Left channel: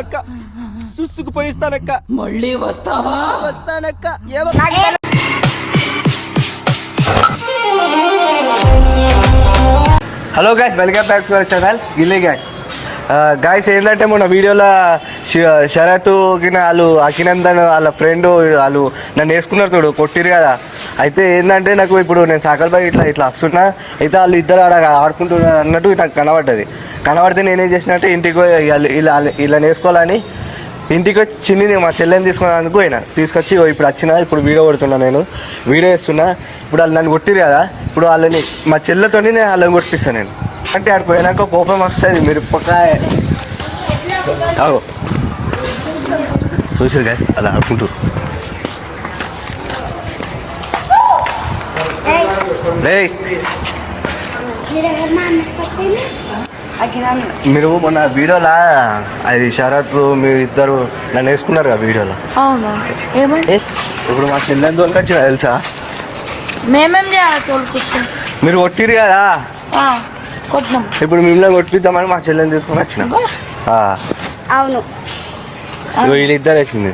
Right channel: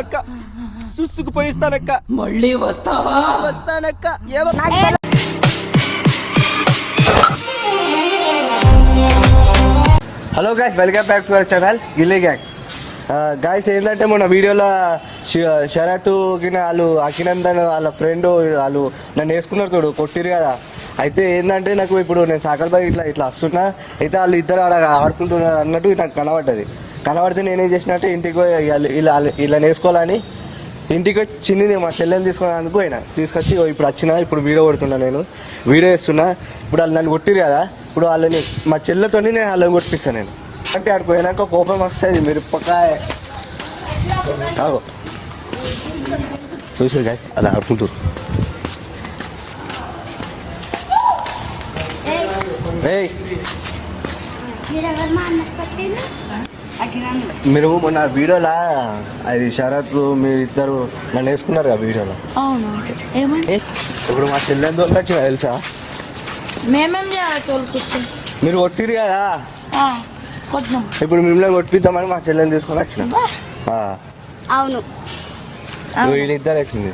అక్క సుసుకుపోయిస్తానక్క. మళ్ళీ వస్తావా? వస్తానక్క. Hello guys, welcome back to our channel Gilli gang. Guys ఏంటంటే మొన్న వీడియోలో శరత్ వాళ్ళు అఖినందన్ వాళ్ళ ఫ్రెండ్ వాళ్ళు నన్ను వేసుకున్నారు చూడు, కొట్టిరు కదా. అయితే ఏంటంటే నాకు ఇప్పుడు నేను సాకల్బాగ్ ఇట్లా వస్తున్నా, అయితే వాళ్ళు ఇద్దరు ఆడుకుంటున్నారు అన్నట్టు నాకు కనబడితే నేనేం చేసినట్టు ఇంటికి ఇలా వేసుకోవాలని ఇంటికి వచ్చి చిన్ని మా చెల్లెని తీసుకున్నందుకు పోయినా. తీసుకొచ్చి ఇప్పుడు వీడియో పడుతున్నా, నేను వీడియో వేస్తున్నా. ఇప్పుడు వాళ్ళు నన్ను కొట్టిరు కదా, ఇప్పుడు వాళ్ళని మా చెల్లెతో నేను వాళ్ళని కొట్టిస్తాను. నేను అంటే ఆడికి పోయినాక కోపం వస్తుంది. మీరు పక్కాయ చూసారు కదా అలా ఆడుకుంటారు. మీరు మొన్న వీడియోలా అది శరత్ మీరు ఇద్దరు నన్ను వేసుకున్నారు కదా వీడియోలో. ఇప్పుడు మా చెల్లెని దొరికి వచ్చిన తెలుసా, మీరు కొట్టిరు కదా. ఇప్పుడు మిమ్మల్ని కొట్టిద్దామని మా చెల్లెని తీసుకొని వచ్చిన. అవును, వీళ్ళిద్దరు వచ్చింది.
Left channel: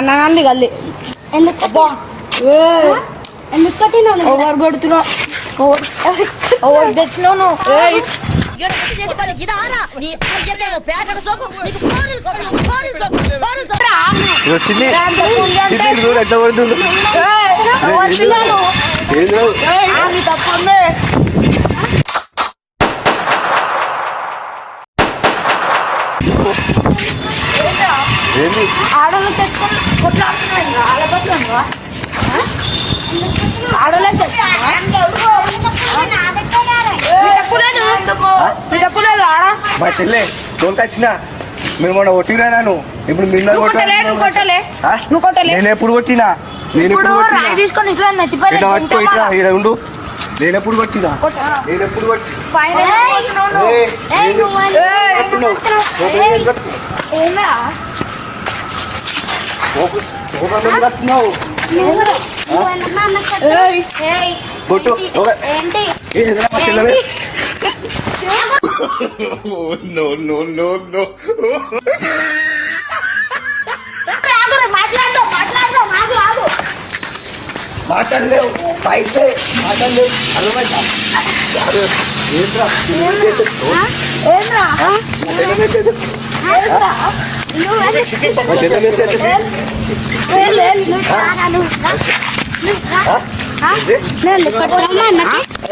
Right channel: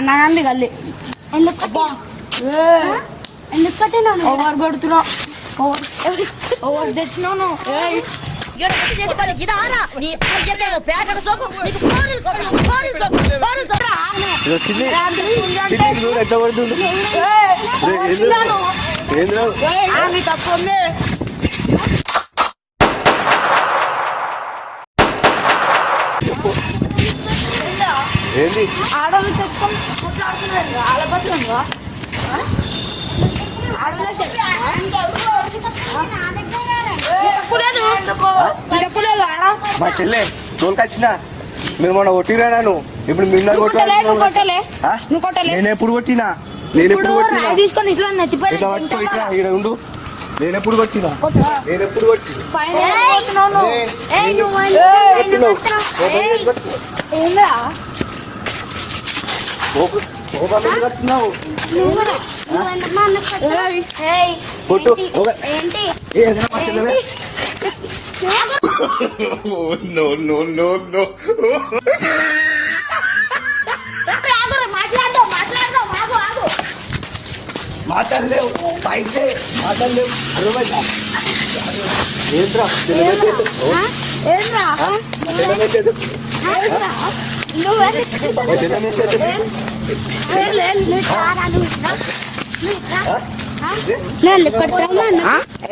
అన్నగాంది గల్లి ఎందుకు కొట్టినావు? ఎవరు కొడుతున్నావు? ఎవరు తెచ్చినావు? వచ్చింది ఎట్లా కొడుతుంది. తప్పుంది. ఆడవాళ్ళు తెచ్చుకొని కొట్లాడుతున్నాడు. ఆడపడుతున్నావా? ఆడవాళ్ళకి మా చెల్లె తోలుకొచ్చిన మీరు మొన్న కొట్టిరా నన్ను. ఇప్పుడు మీరు నేను ఎప్పుడు కొట్టినా? నేను ఎప్పుడు తీసుకొని ఇట్లా పట్టుకో, ఇట్లా ఇక్కడ ఉండు. నేను ఎప్పుడు కొట్టినా? నేను ఎప్పుడు కొట్టు మా చెల్లె. No. మాట్లాడలేవు బయటే మాట్లాడలేవు.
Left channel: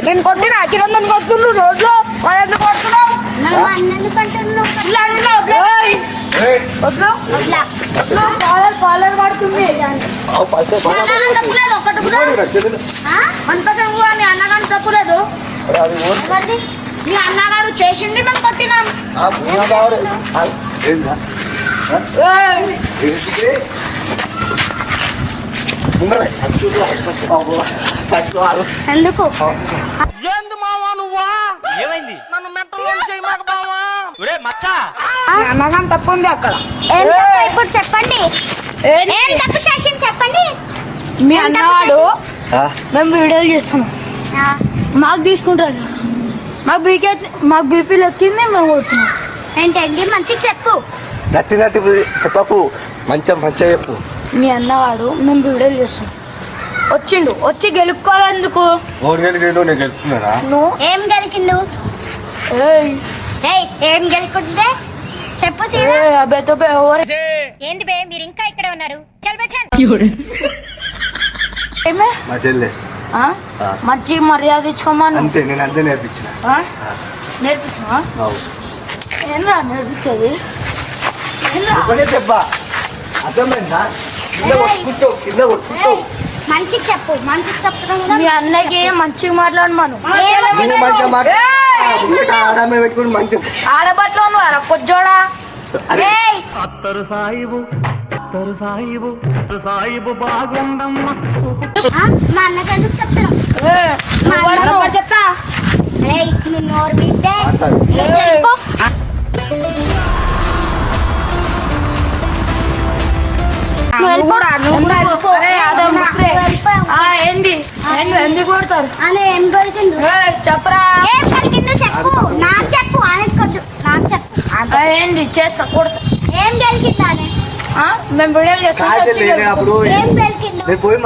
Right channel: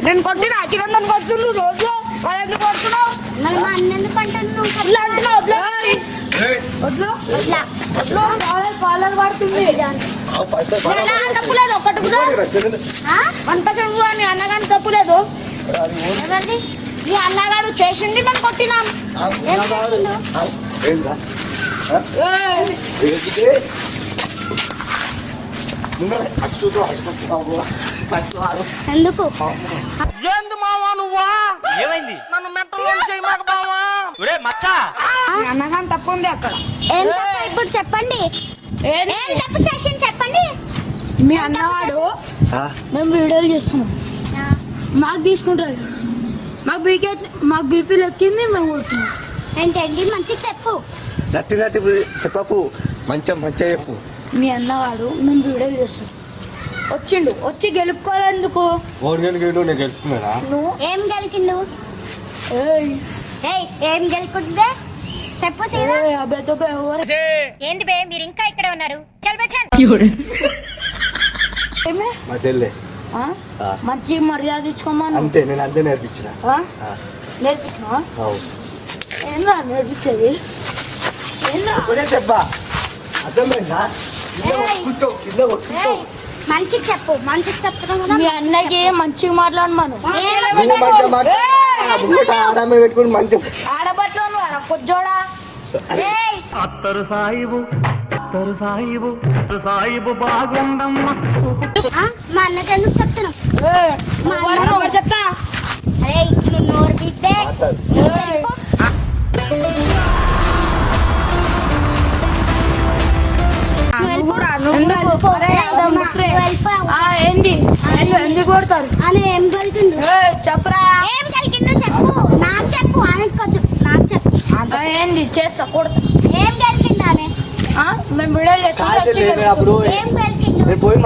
నేను కొట్టిన అఖిలందన్ కొడుతుండ్రు రోజు. పడుతుంది అన్నగాడు తప్పులేదు. నీ అన్నగాడు చేసింది మనం కొట్టినా. ఎందుకు ఏంది మావా నువ్వా? ఏమైంది? నన్ను మెంటల్ చేయమాక మావా. మచ్చా అన్నగాని తప్పు ఉంది అక్కడ. ఇప్పుడు చెప్పండి, చెప్పండి. మీ అన్నవాడు మేము వీడియోలు చేస్తున్నాం, మాకు తీసుకుంటారు. మాకు బీపీ లెక్కింది, మేము కొడుతున్నాం. ఏంటండి మంచిగా చెప్పు. నచ్చి చెప్పకు, మంచిగా చెప్పు. మీ అన్నవాడు మేము వీడియోలు చేస్తున్నాం, వచ్చి గెలుక్కోవాలందుకు. నేను గెలుపుకున్నారా? ఏం గెలికిండు? ఏం గెలుకుంటే చెప్పు. ఏంది బే, మీరు ఇంకా ఇక్కడ ఉన్నారు? మా చెల్లె మంచి మర్యాద ఇచ్చుకోమని అంతే. నేను అంతే నేర్పించిన. నేర్పించా? ఏంరా నేర్పించేది? చెప్పా అర్థమైందా? మంచి చెప్పు, మంచి చెప్తున్నాను. మీ అన్నకి మంచిగా మాట్లాడమను. మంచి ఆడబట్లో కొజ్జోడా అత్తరు సాయిబు బాగుండమ్మ. మా అన్నకి ఎందుకు చెప్తాను? చెప్తా నువ్వు నోరు వింటే వెళ్ళిపో. కొడతారు. అలా ఏం దొరికిండు? చెప్పరా ఏం దొరికిండు చెప్పు. నాకు చెప్పు, ఆయనకొద్దు. నాకు చెప్పు. అంత ఏంది చేస్తా కొడతా. ఏం దొరికిండు అని? మేము వీడియోలు చేస్తాం. అప్పుడు ఏం దొరికిండు? నేను పోయి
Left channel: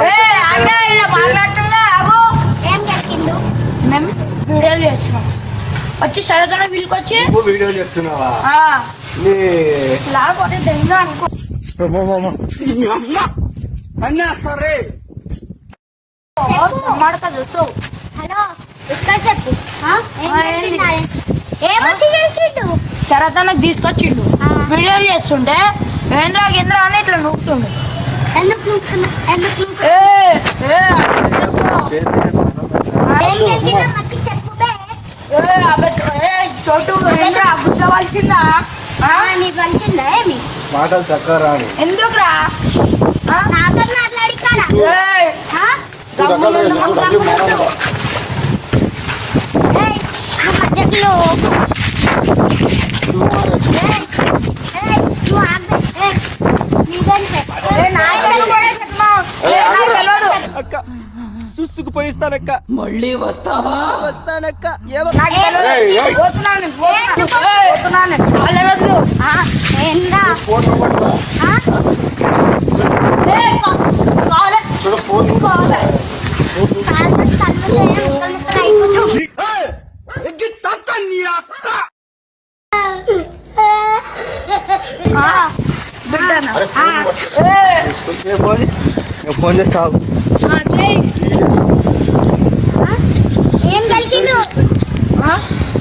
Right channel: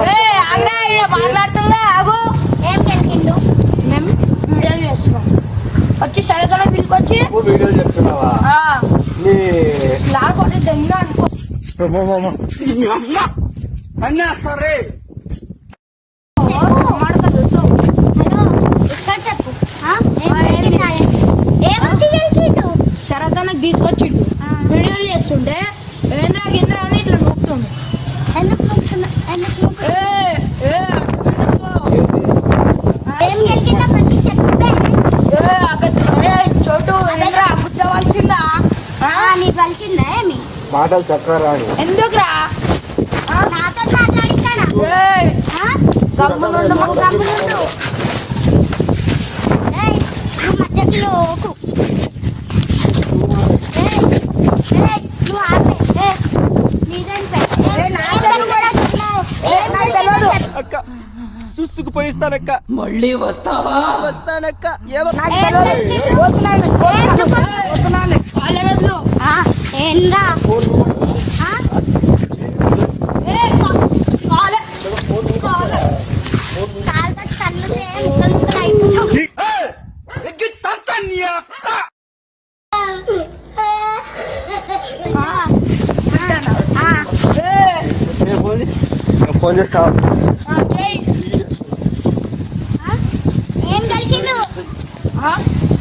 మాట్లాడుతుందా ఆగు. ఏం దొరికిండు? మేము వీడియోలు చేస్తున్నాం. వచ్చి సరదాన వీళ్ళకొచ్చి వీడియో చేస్తున్నావా లాగొని తిందా అనుకో. అన్నేస్తారే మాడతాడు సో హలో, ఇక్కడ చెప్పు. ఏం దొరికిండు అని? ఏమొచ్చి దొరికిండు? శరదానికి తీసుకొచ్చిండు. వీడియోలు చేస్తుంటే ఏంద్రా గింద్రా అని ఇట్లా నూపుతుండు. ఎందుకు నూకుతున్నా? ఎందుకు నూకుతున్నా? ఏం దొరికిందో మంచి చెప్తే. చోటు ఏంద్రా అబద్ధవలసిందా? నీకు కలిసిందా ఏమి? మాటలు చక్కరా ఎందుకురా నాతో మాట్లాడిస్తారా? అక్క సుసుకుపోయిస్తానక్క. మళ్ళీ వస్తావా? వస్తానక్క. ఫోన్ చేస్తావు. ఏం కలిగిండు?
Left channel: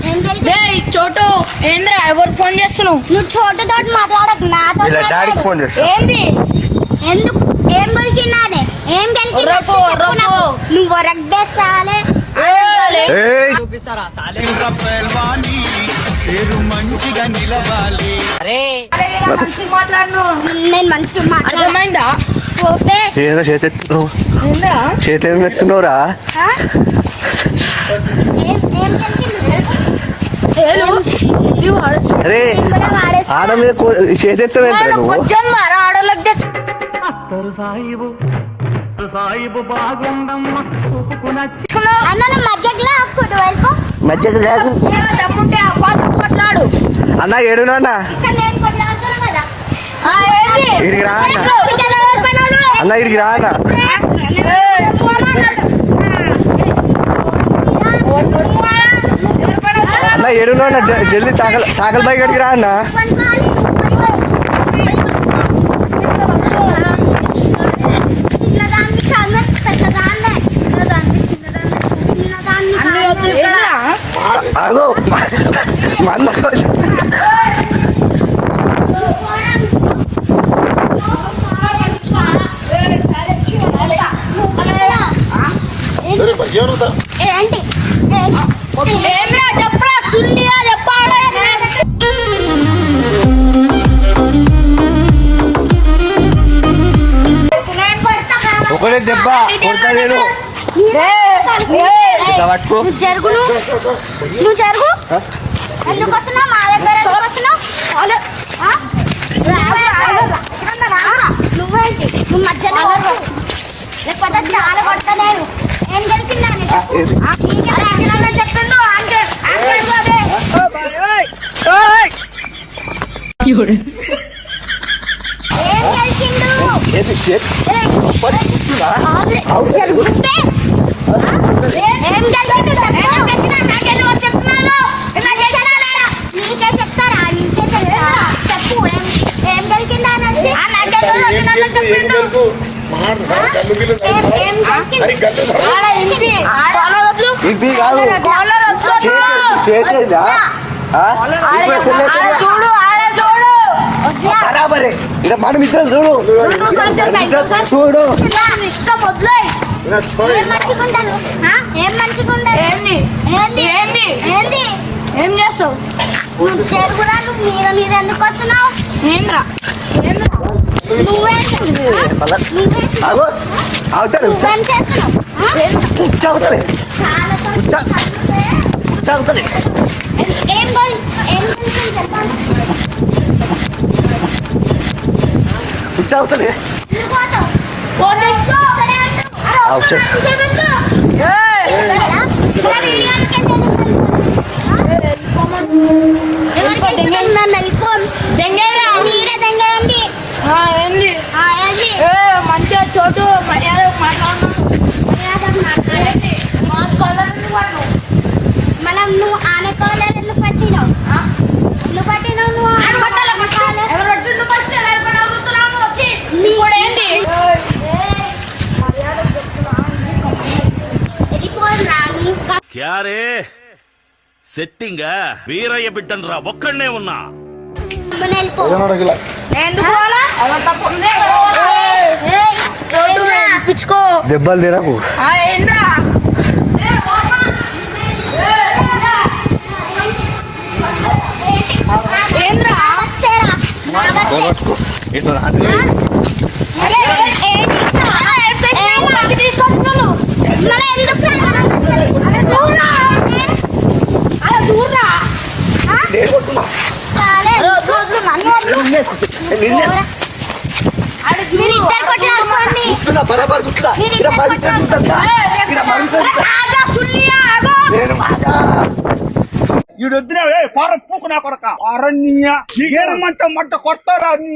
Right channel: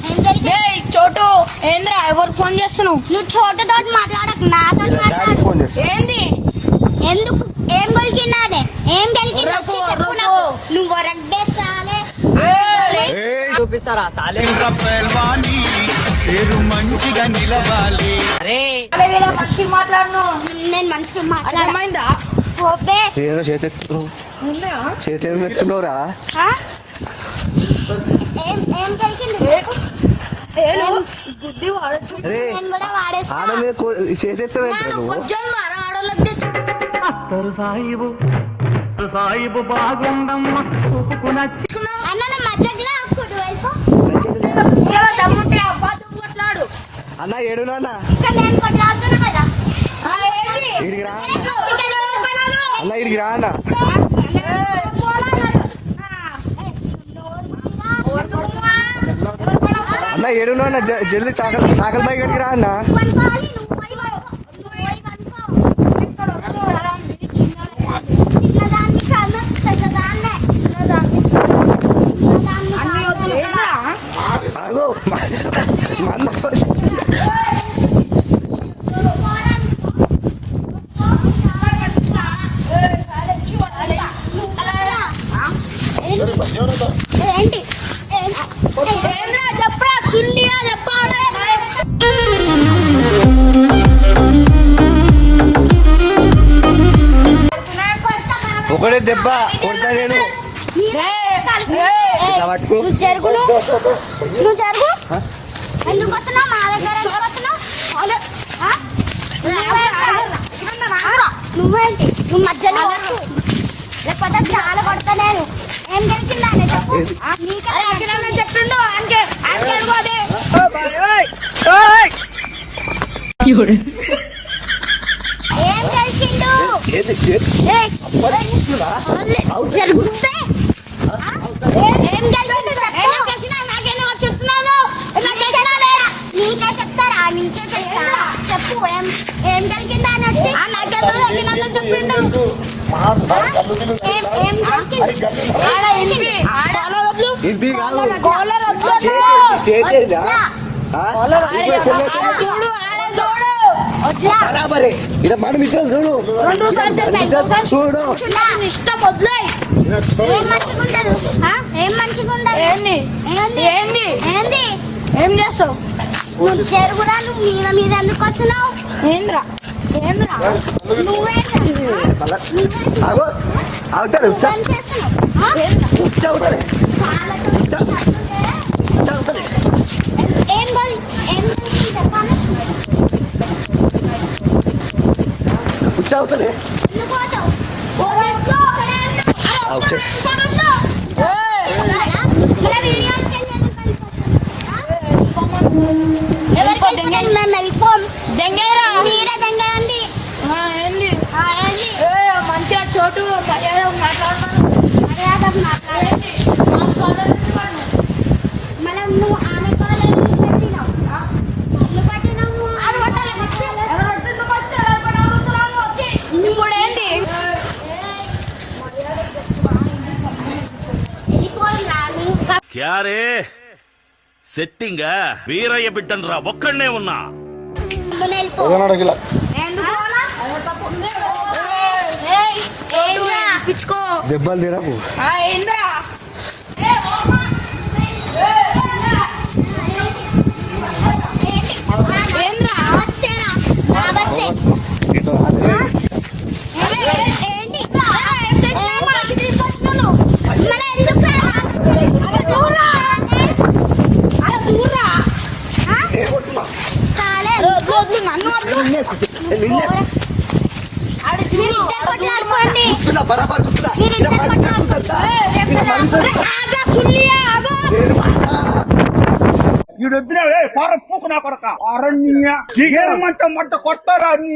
ఏం కలిగిండు? చోటు ఏంద్రా ఎవరు ఫోన్ చేస్తున్నావు? నువ్వు చోటుతో మాట్లాడకు, నాతో డాడీ ఫోన్ చేస్తా. ఏంది ఎందుకు? ఏం కొలికినాడే? ఏం కలిగిండు? రొక్కు, రొక్కు. నువ్వు రగ్గేసాలే. చూపిస్తారా సాలే? అరే మంచిగా మాట్లాడు. నేను మంచిగా మాట్లాడా. అర్థమైందా? పోపే. ఏందో చేతెత్తున్నావు, ఏంద్రా చేతి ఎత్తున్నావురా? ఏం కలిగిండు? అరే నేను కూడా వాడేస్తా. ఆడ మీద చేతెత్తవేంట్రా నువ్వు? కొంచెం మారా ఆడోళ్ళకి తెచ్చు. అత్తరు సాయిబు బాగుండమ్మ చూపుకు నచ్చి అన్న నా మధ్యలో ఫుడ్ వైపు మధ్యకి ఏదో దమ్ముంటే అబ్బాయి కొట్లాడు. అన్న ఏడునా అన్న? ఇక్కడ నేను కొన్ని ఆడుతున్నా కదా. ఏంది? ఇడికి రా అన్న. ఇక్కడ ఎవరు పడారు? అన్న ఇడికి రా అన్న. అన్న ఏడునా అన్న? జల్దీ చాకల బై గడికి రా అన్న. ఆగో ఏంద్రా చెప్పరా సుల్లియా చెప్పాడే. ఒకటే దెబ్బ కొడతాడు. ఇట్లా పట్టుకో. నువ్వు జరుగు. ఎందుకు వస్తున్నావు మా దగ్గర? ఎందుకు వస్తున్నావు? నువ్వేంటి? నువ్వు మధ్యలో లేకపోతే చాలా కొడతలేరు. ఏం తెలిసిందా చెప్పిండు? ఏం తెలిసిండు? చేతి చేతి నీకే చెప్తారా? నీకే చెప్తా. చెప్పు ఏం జరిగిందా అని వచ్చి ఇది కాదు చేతేదా? చూడు ఆడ చూడు. బరాబరే. ఇలా మనం ఇద్దరు చూడు చూడు. ఇష్టం వద్దులే. ఏం మంచిగా ఉండదు? ఏం మంచిగా ఉండదు? ఏంది ఏంది? ఏంది ఏంది? ఏం చేస్తావు? చెరుకురా నువ్వు మీద ఎందుకు వస్తున్నావు? ఏంద్రా నువ్వేంటి? అగో అవుతాను. నువ్వేం చేస్తున్నావు? చదువుతుంది చాలా చదువుతుంది. ఏం తెలిసింది చెప్పండి. చదువుతుంది. పోతావు. అవుట్ చేస్తా. మంచిగా చోటు మనం నువ్వు ఆనకోలేదు ఎందుకు పట్టినావు నువ్వు పట్టినావు నువ్వు క్యారే సెట్టింగా వీరయ్య బిడ్డనరా ఒక్కడనే ఉన్నా పిచ్చుకో దెబ్బలు తినకు. ఈడొద్దునే పారం పూకు నా కొడక అరణ్య మంట కొడతారా నీ